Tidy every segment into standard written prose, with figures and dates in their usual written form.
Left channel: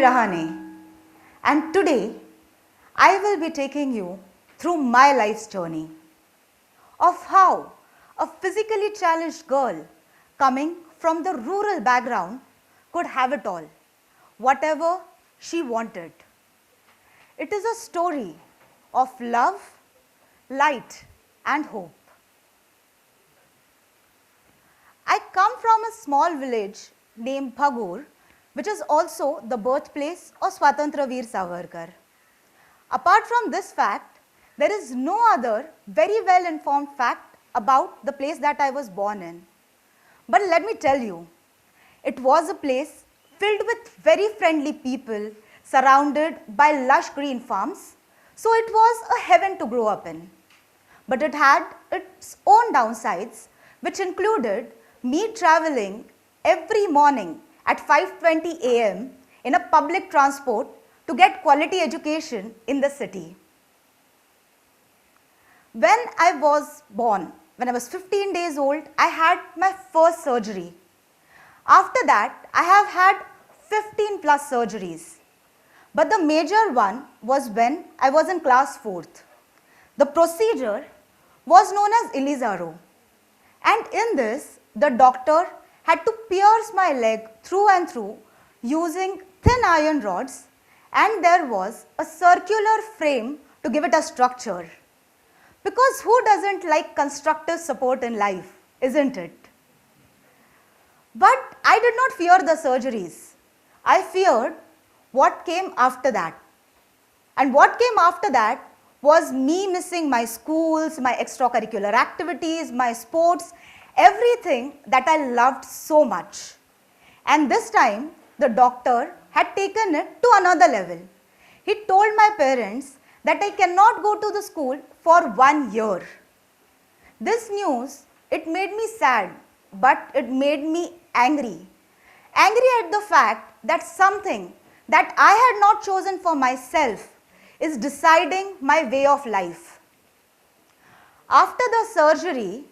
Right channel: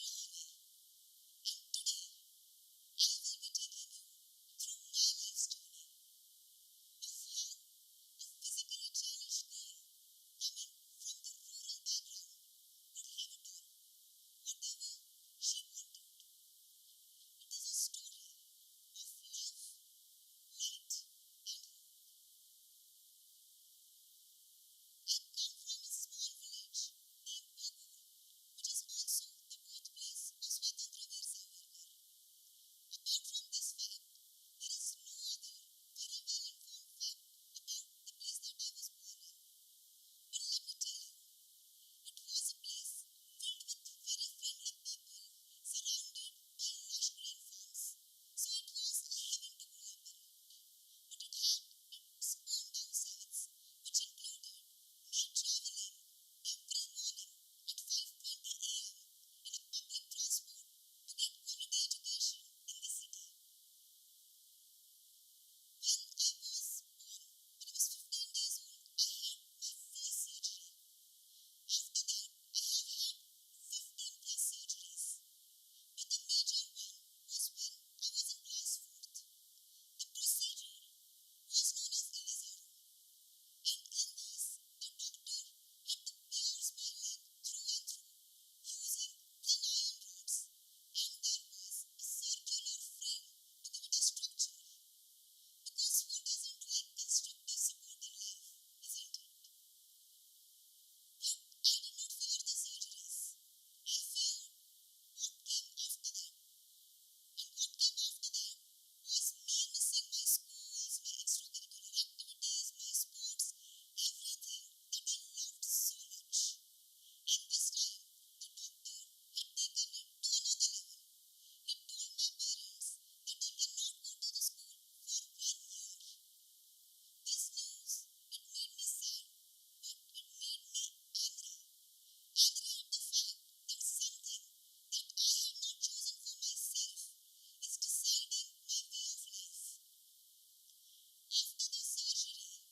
Surashree Rahane, and today I will be taking you through my life's journey of how a physically challenged girl coming from the rural background could have it all, whatever she wanted. It is a story of love, light, and hope. I come from a small village named Bhagur, which is also the birthplace of Swatantra Veer Savarkar. Apart from this fact, there is no other very well informed fact about the place that I was born in. But let me tell you, it was a place filled with very friendly people, surrounded by lush green farms, so it was a heaven to grow up in. But it had its own downsides, which included me traveling every morning at 5:20 a.m. in a public transport to get quality education in the city. When I was born, when I was 15 days old, I had my first surgery. After that, I have had 15 plus surgeries. But the major one was when I was in class 4th. The procedure was known as Elizaro. And in this, the doctor had to pierce my leg through and through using thin iron rods, and there was a circular frame to give it a structure. Because who doesn't like constructive support in life, isn't it? But I did not fear the surgeries. I feared what came after that. And what came after that was me missing my schools, my extracurricular activities, my sports, everything that I loved so much. And this time, the doctor had taken it to another level. He told my parents that I cannot go to the school for 1 year. This news, it made me sad, but it made me angry. Angry at the fact that something that I had not chosen for myself is deciding my way of life. After the surgery,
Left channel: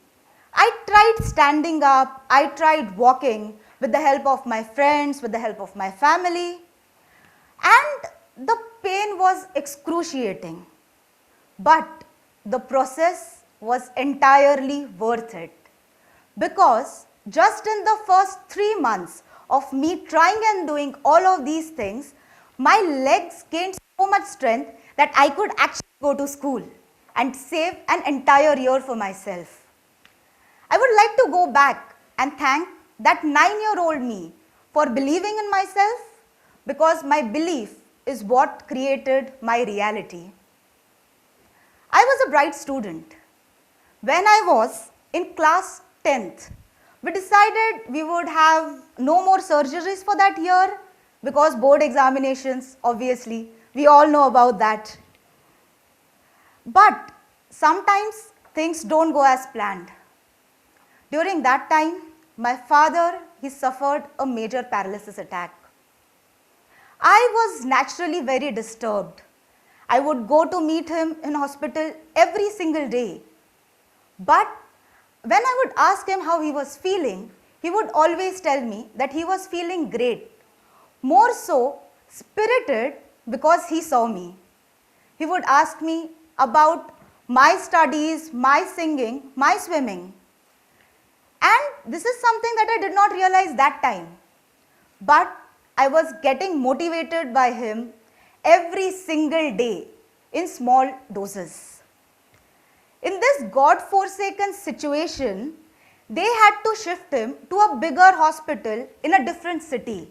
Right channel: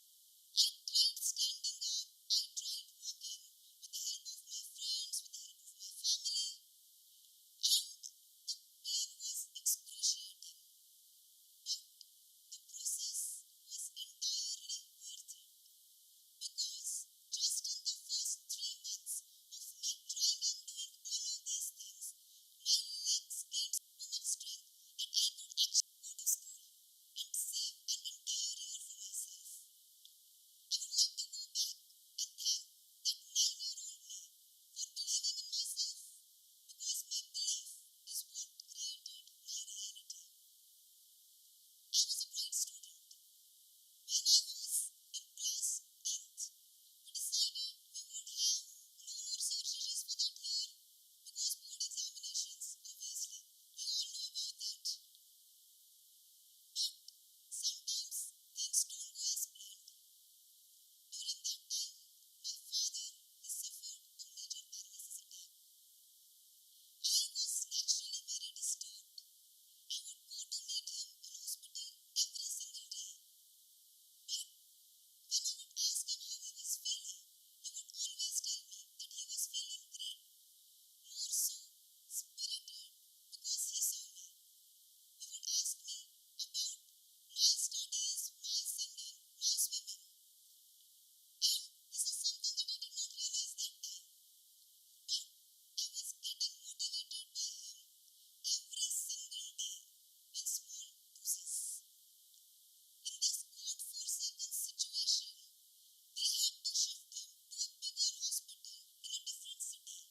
I tried standing up, I tried walking with the help of my friends, with the help of my family, and the pain was excruciating. But the process was entirely worth it, because just in the first 3 months of me trying and doing all of these things, my legs gained so much strength that I could actually go to school and save an entire year for myself. I would like to go back and thank that 9-year-old me for believing in myself, because my belief is what created my reality. I was a bright student. When I was in class 10th, we decided we would have no more surgeries for that year, because board examinations, obviously, we all know about that. But sometimes things don't go as planned. During that time, my father, he suffered a major paralysis attack. I was naturally very disturbed. I would go to meet him in hospital every single day. But when I would ask him how he was feeling, he would always tell me that he was feeling great, more so spirited, because he saw me. He would ask me about my studies, my singing, my swimming. And this is something that I did not realize that time. But I was getting motivated by him every single day in small doses. In this God-forsaken situation, they had to shift him to a bigger hospital in a different city.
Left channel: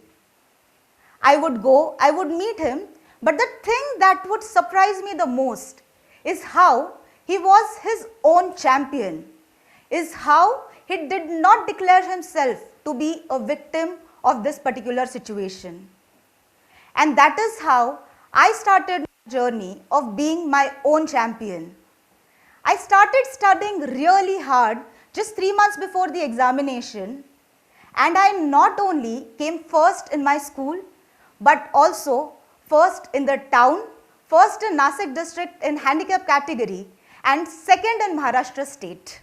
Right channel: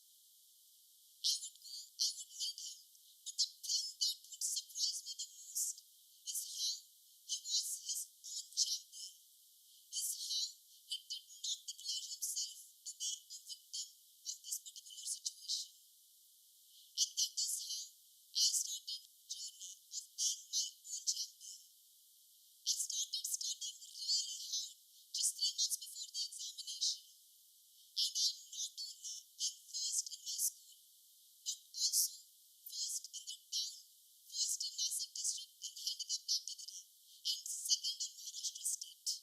I would go, I would meet him, but the thing that would surprise me the most is how he was his own champion, is how he did not declare himself to be a victim of this particular situation. And that is how I started my journey of being my own champion. I started studying really hard just 3 months before the examination, and I not only came first in my school, but also first in the town, first in Nasik district in handicap category, and second in Maharashtra state.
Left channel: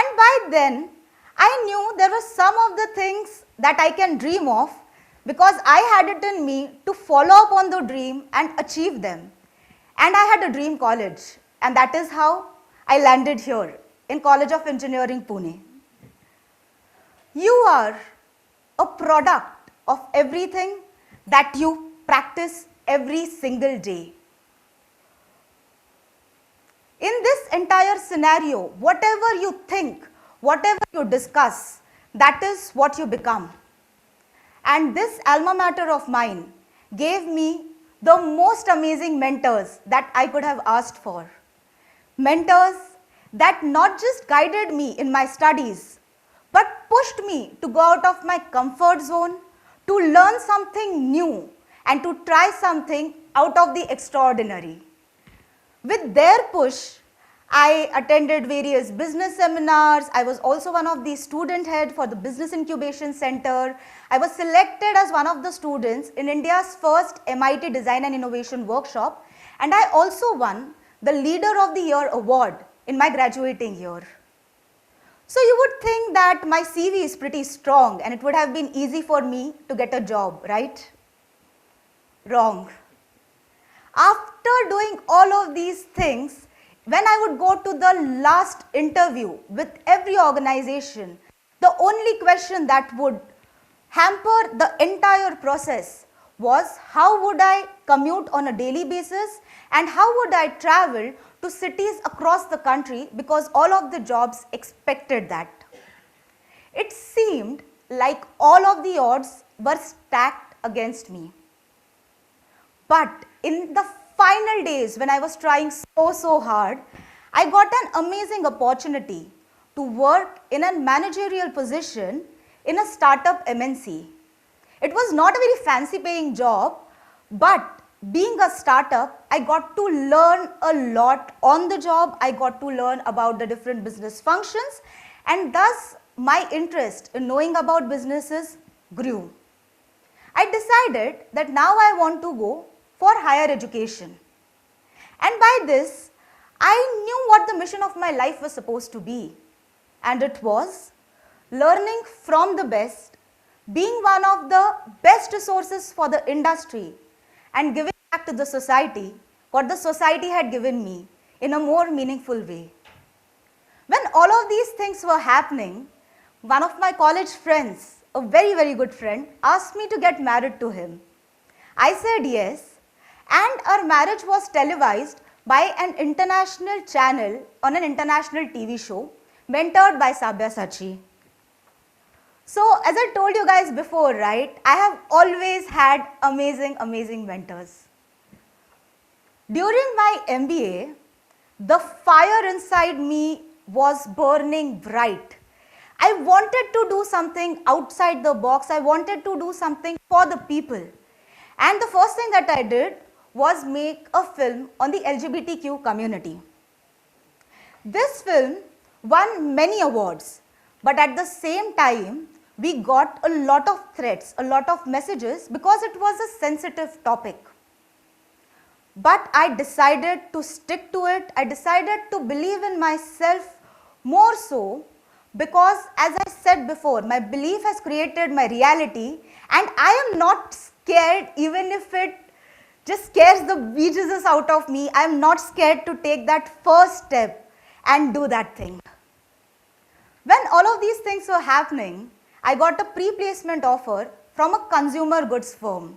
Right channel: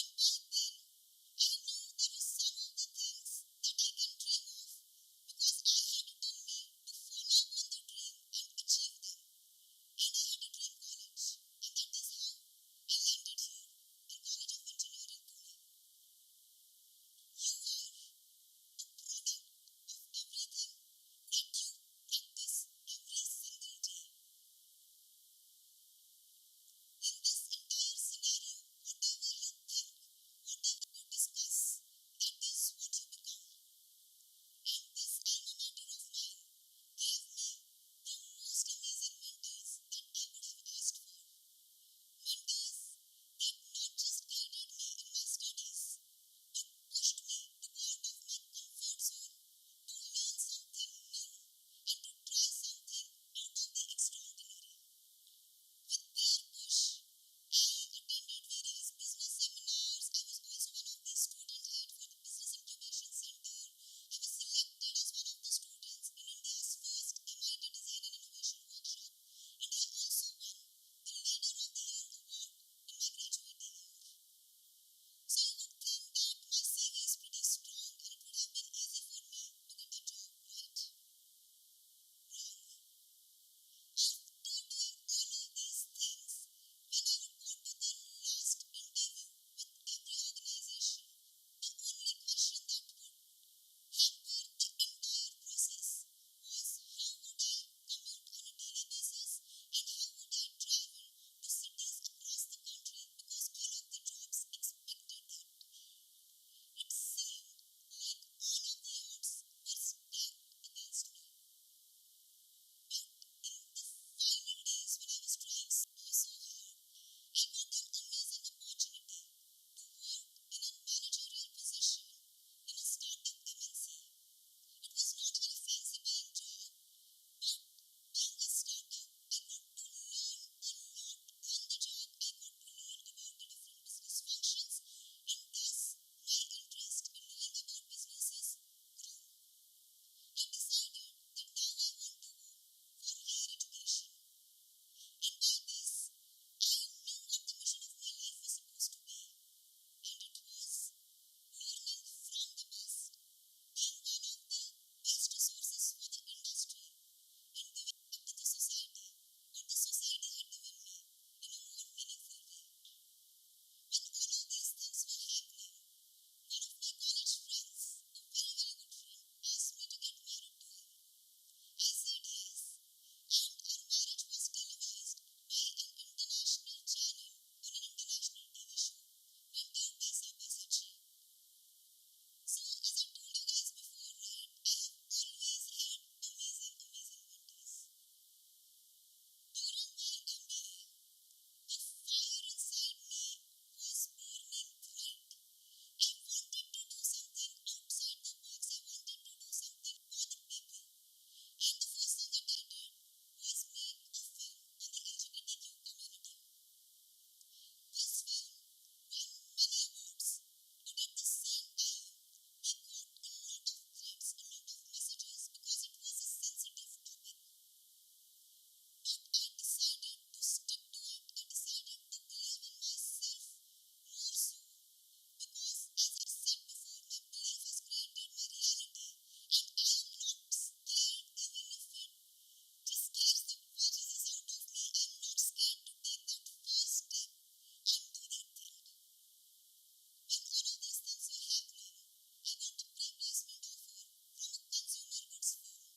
And by then, I knew there were some of the things that I can dream of because I had it in me to follow up on the dream and achieve them. And I had a dream college, and that is how I landed here in College of Engineering, Pune. You are a product of everything that you practice every single day. In this entire scenario, whatever you think, whatever you discuss, that is what you become. And this alma mater of mine gave me the most amazing mentors that I could have asked for. Mentors that not just guided me in my studies, but pushed me to go out of my comfort zone, to learn something new, and to try something out of the extraordinary. With their push, I attended various business seminars. I was also one of the student head for the Business Incubation Center. I was selected as one of the students in India's first MIT Design and Innovation Workshop, and I also won the Leader of the Year award in my graduating year. So you would think that my CV is pretty strong and it would have been easy for me to get a job, right? Wrong. After doing all of these things, when I would go to the last interview with every organization, the only question that would hamper the entire process was how would I commute on a daily basis and how would I travel to cities across the country because all of the jobs expected that. It seemed like all of the odds were stacked against me. But in the final days when I was trying so hard, I got an amazing opportunity to work in a managerial position in a startup MNC. It was not a very fancy paying job, but being a startup, I got to learn a lot on the job. I got to learn about the different business functions, and thus my interest in knowing about businesses grew. I decided that now I want to go for higher education. And by this, I knew what the mission of my life was supposed to be. And it was learning from the best, being one of the best resources for the industry, and giving back to the society what the society had given me in a more meaningful way. When all of these things were happening, one of my college friends, a very good friend, asked me to get married to him. I said yes, and our marriage was televised by an international channel on an international TV show mentored by Sabya Sachi. So as I told you guys before, right, I have always had amazing mentors. During my MBA, the fire inside me was burning bright. I wanted to do something outside the box. I wanted to do something for the people. And the first thing that I did was make a film on the LGBTQ community. This film won many awards, but at the same time, we got a lot of threats, a lot of messages because it was a sensitive topic. But I decided to stick to it. I decided to believe in myself more so because, as I said before, my belief has created my reality, and I am not scared even if it just scares the bejesus out of me. I am not scared to take that first step and do that thing. When all of these things were happening, I got a pre-placement offer from a consumer goods firm.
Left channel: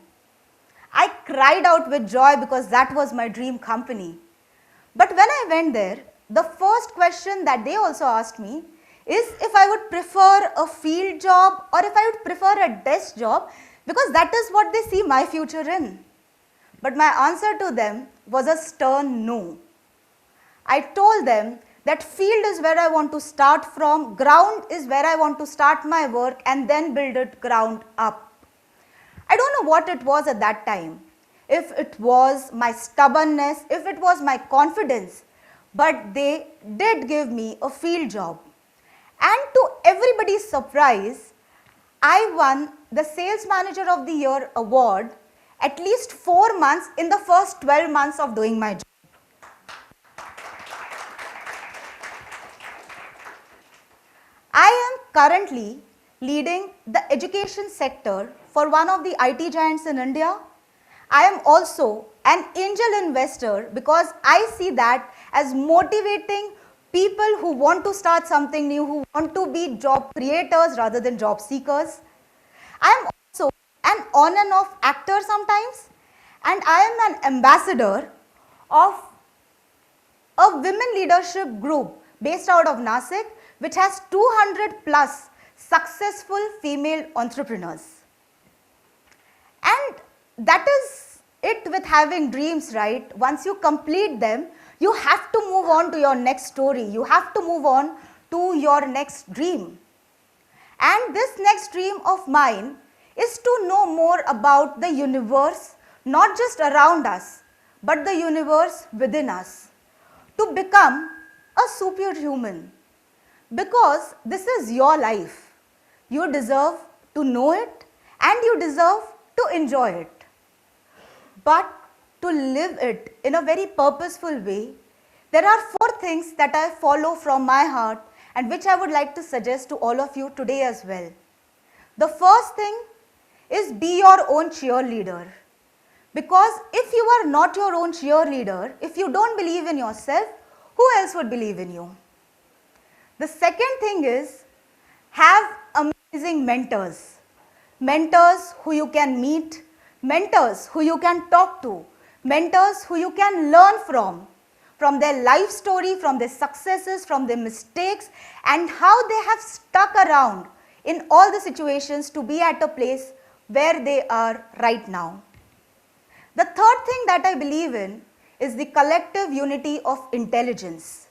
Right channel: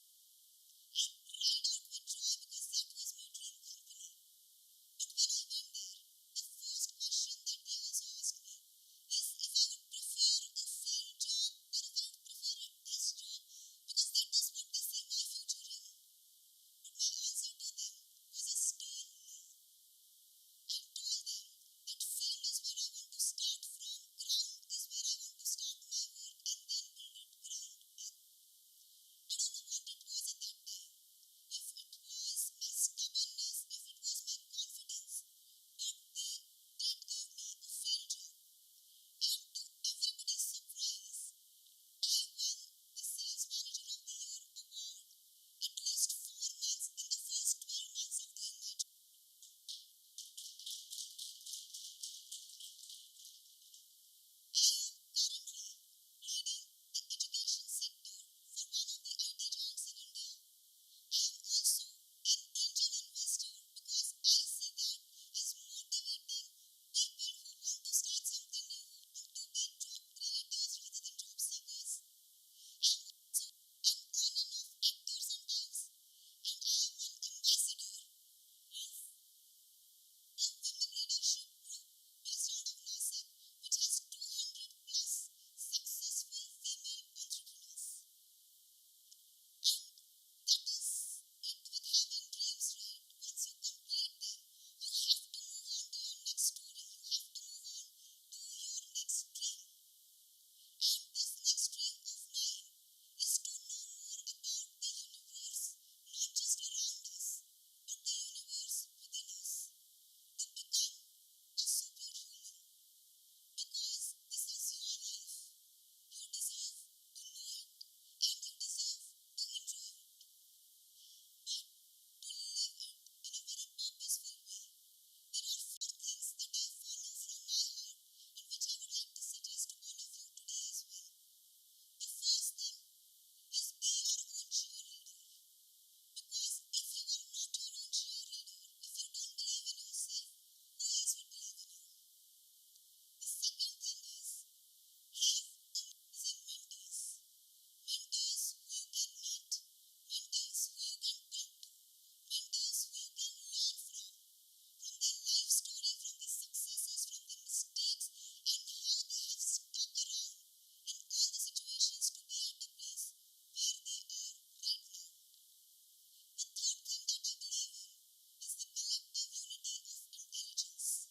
I cried out with joy because that was my dream company. But when I went there, the first question that they also asked me is if I would prefer a field job or if I would prefer a desk job, because that is what they see my future in. But my answer to them was a stern no. I told them that field is where I want to start from, ground is where I want to start my work and then build it ground up. I don't know what it was at that time, if it was my stubbornness, if it was my confidence, but they did give me a field job. And to everybody's surprise, I won the Sales Manager of the Year award at least 4 months in the first 12 months of doing my job. I am currently leading the education sector for one of the IT giants in India. I am also an angel investor because I see that as motivating people who want to start something new, who want to be job creators rather than job seekers. I am also an on and off actor sometimes, and I am an ambassador of a women leadership group based out of Nasik, which has 200 plus successful female entrepreneurs. And that is it with having dreams, right? Once you complete them, you have to move on to your next story. You have to move on to your next dream. And this next dream of mine is to know more about the universe, not just around us, but the universe within us, to become a superhuman. Because this is your life. You deserve to know it and you deserve to enjoy it. But to live it in a very purposeful way, there are 4 things that I follow from my heart and which I would like to suggest to all of you today as well. The first thing is be your own cheerleader. Because if you are not your own cheerleader, if you don't believe in yourself, who else would believe in you? The second thing is have amazing mentors. Mentors who you can meet, mentors who you can talk to, mentors who you can learn from their life story, from their successes, from their mistakes, and how they have stuck around in all the situations to be at a place where they are right now. The third thing that I believe in is the collective unity of intelligence.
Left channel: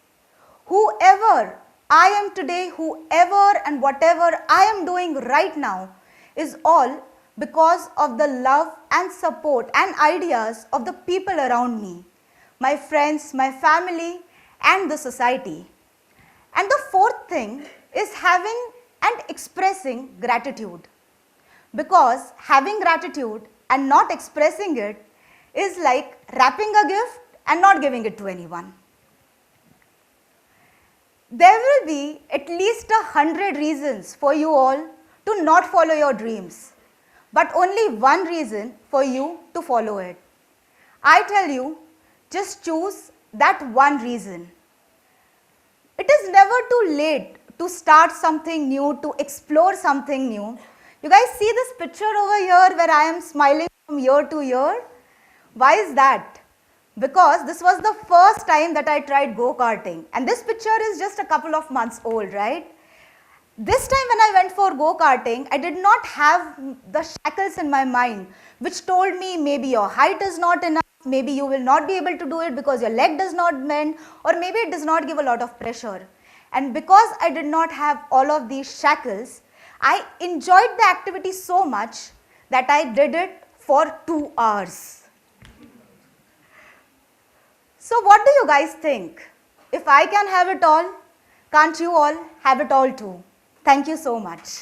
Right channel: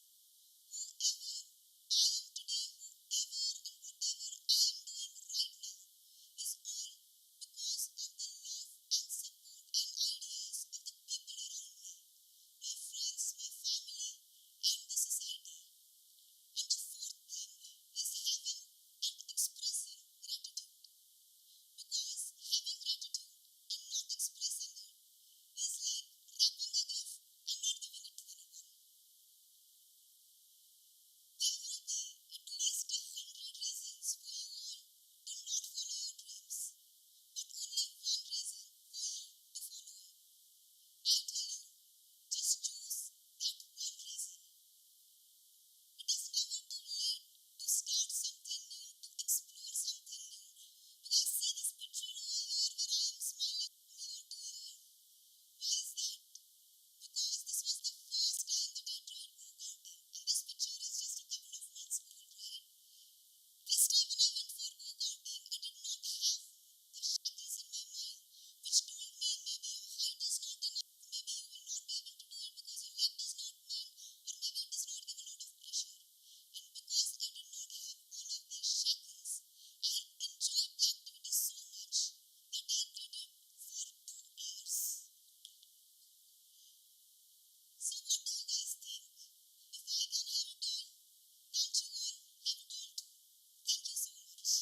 Whoever I am today, whoever and whatever I am doing right now is all because of the love and support and ideas of the people around me, my friends, my family, and the society. And the fourth thing is having and expressing gratitude. Because having gratitude and not expressing it is like wrapping a gift and not giving it to anyone. There will be at least 100 reasons for you all to not follow your dreams, but only one reason for you to follow it. I tell you, just choose that one reason. It is never too late to start something new, to explore something new. You guys see this picture over here where I am smiling from year to year? Why is that? Because this was the first time that I tried go-karting, and this picture is just a couple of months old, right? This time when I went for go-karting, I did not have the shackles in my mind which told me maybe your height is not enough, maybe you will not be able to do it because your leg does not bend, or maybe it does not give a lot of pressure. And because I did not have all of these shackles, I enjoyed the activity so much that I did it for 2 hours. So what do you guys think? If I can have it all, can't you all have it all too? Thank you so much.